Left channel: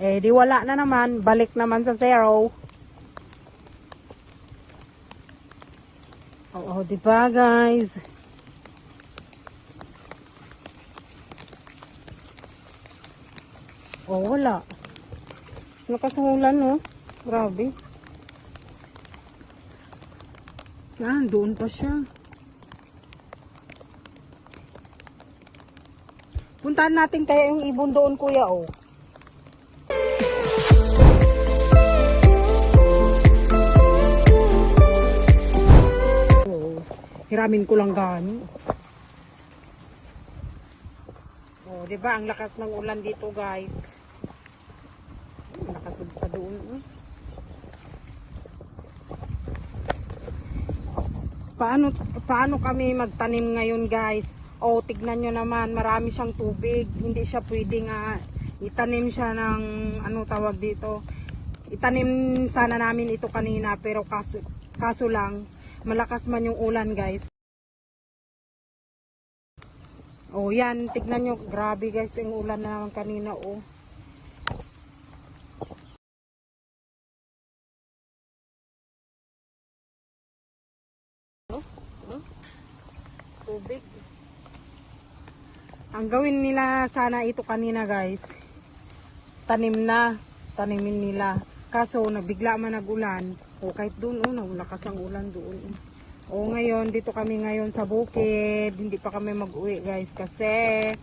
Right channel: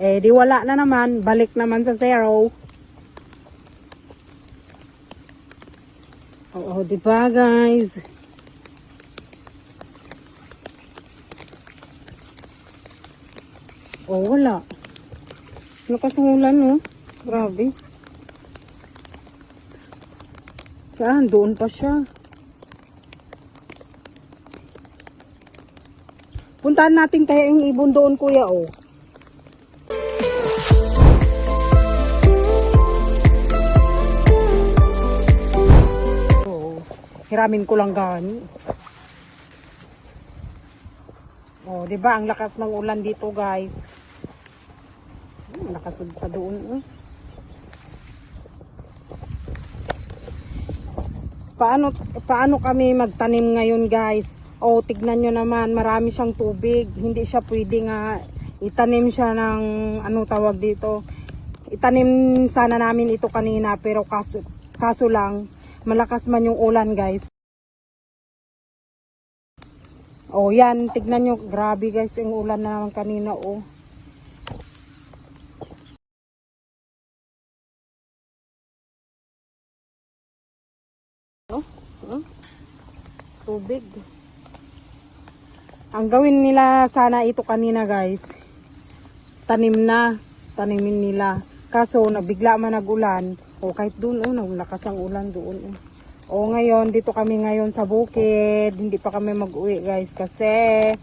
Eh, di wala na naman. Balik naman sa zero. Oo, diba guys? Oh, wala. Nakasangulan, no? Grabe. Saan? Doon pa siya. Puntahan natin kaya yung ibon doon, kuya, oh. Oh, hiramin ko lang gani. Oh, 'di ba ang lakas ng ulan dito, guys? Lakas pa doon, oh. Paano kami magtanim ngayon, guys? Oh, tignan nyo naman, marami siyang tubig. Hindi siya pwede nga itanim siya ng anong tawag dito. Itanim sana namin ito kanina, pero kaso lang malakas man yung ulan, guys. Oh, yan, tignan nyo, grabe guys, yung ulan na naman kanina, oh. Tubig. Ang gawin nila sana ito kanina, guys, tanimin nila. Kaso nabigla man nagulan. O kahit doon, lakas ang ulan doon. O ngayon, dito kami ngayon sa bukid. Hindi pa kami mag-uwi, guys, kasi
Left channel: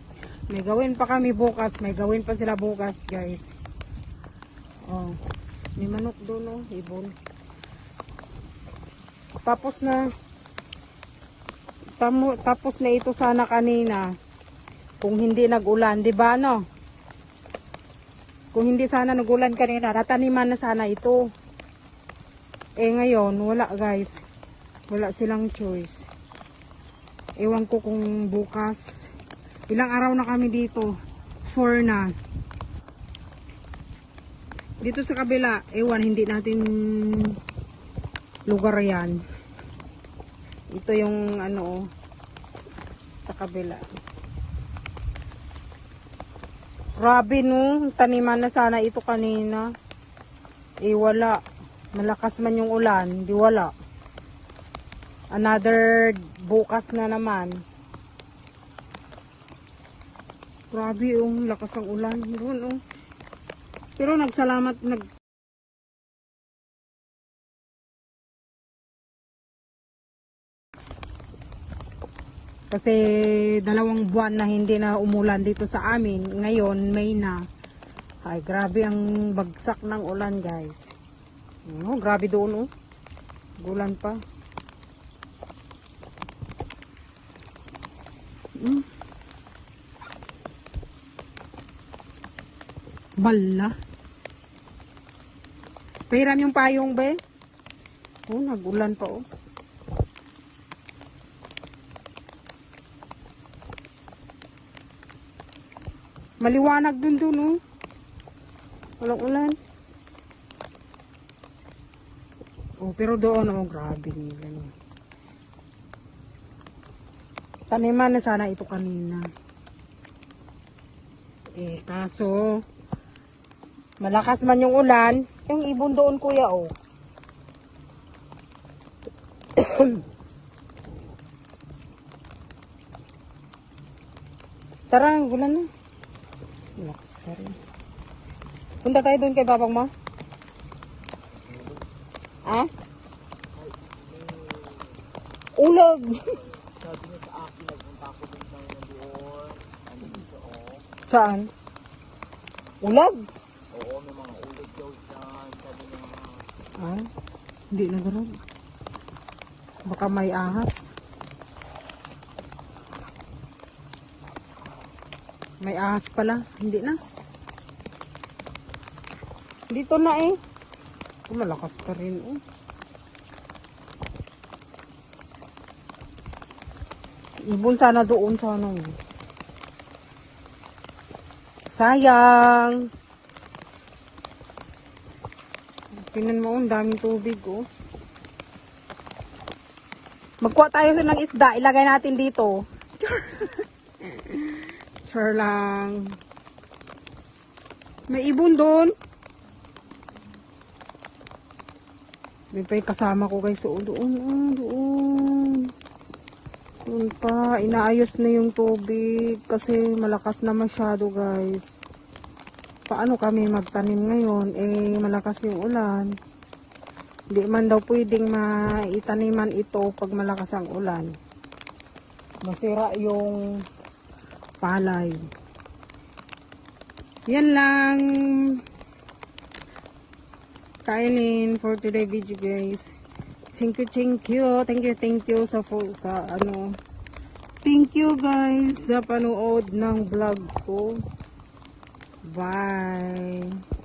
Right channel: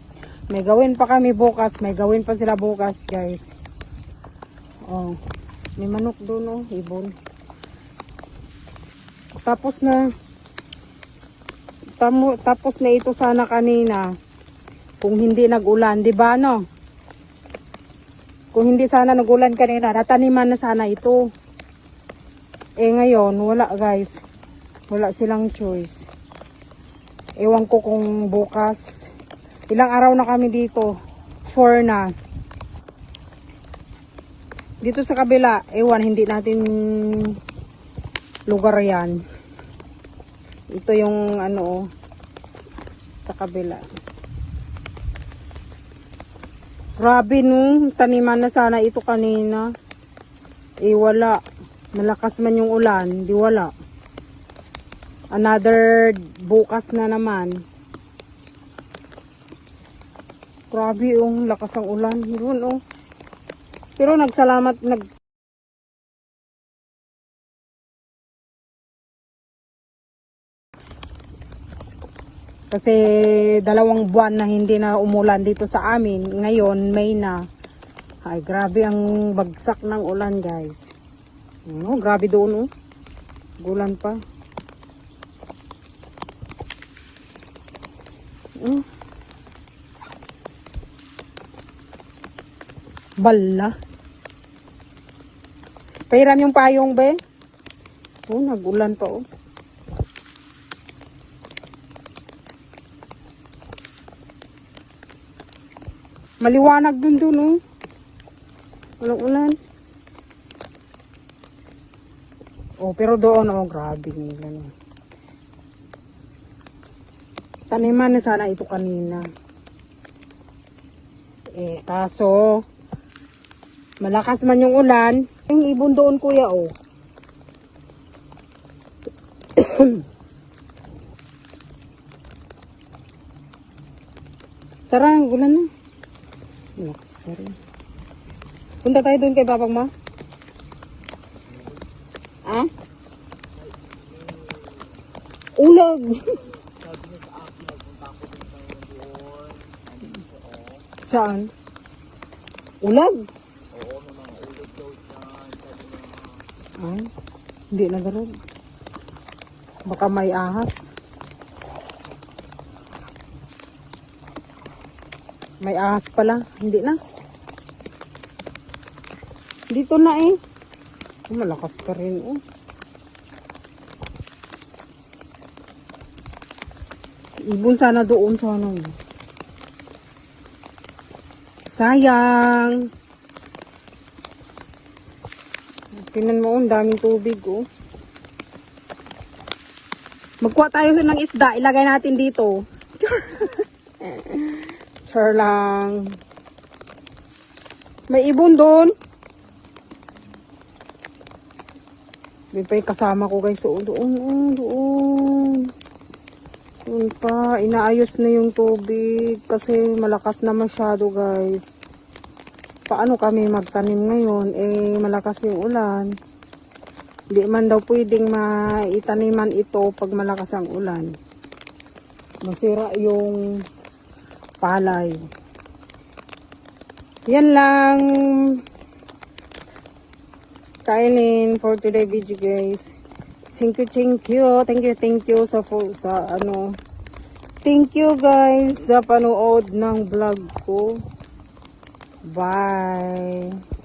may gawin pa kami bukas. May gawin pa sila bukas, guys. O, may manok doon, ibon. Tapos na ito sana kanina. Kung hindi nag-ulan, di ba, no? Kung hindi sana nag-ulan kanina, nataniman na sana ito. Eh ngayon, wala, guys. Wala silang choice. Ewan ko kung bukas. Ilang araw na kami dito. 4 na. Dito sa kabila, ewan, hindi natin lugar yan. Ito yung sa kabila. Grabe, no, taniman na sana ito kanina. Eh wala. Malakas man yung ulan, di wala. Another bukas na naman. Grabe, lakas ang ulan. Yun, pero nagsalamat, kasi 2 buwan na hindi na umulan dito sa amin. Ngayon, May na. Ay, grabe ang bagsak ng ulan, guys. Grabe doon, Gulan pa. Bala. Pahiram yung payong, Ben. Nagulan pa, Maliwanag dun, walang ulan. Pero doon, grabe nila. Taniman na sana ito kanina. Kaso, malakas man yung ulan. Yung ibon doon, kuya, Tara, ulan na. Malakas pa rin. Punta tayo doon kay babang ma. Ha? Ulag. Saan? Ulag? Hindi na ganun. Baka may ahas. May ahas pala. Hindi na. Dito na malakas pa rin Ibon sana doon sana. Sayang. Tingnan mo, ang daming tubig, Magkuha tayo ng isda, ilagay natin dito. Sure lang. May ibon doon. May pa yung kasama ko guys. So, doon, doon. Doon pa. Inaayos na yung tubig. Kasi malakas na masyado guys. Paano kami magtanim ngayon? Eh, malakas yung ulan. Hindi man daw pwedeng maitaniman ito pag malakas ang ulan. Masira yung palay. Yan lang. Kainin for today video guys. Thank you. Thank you sa ano. Thank you guys sa panood ng vlog ko. Bye.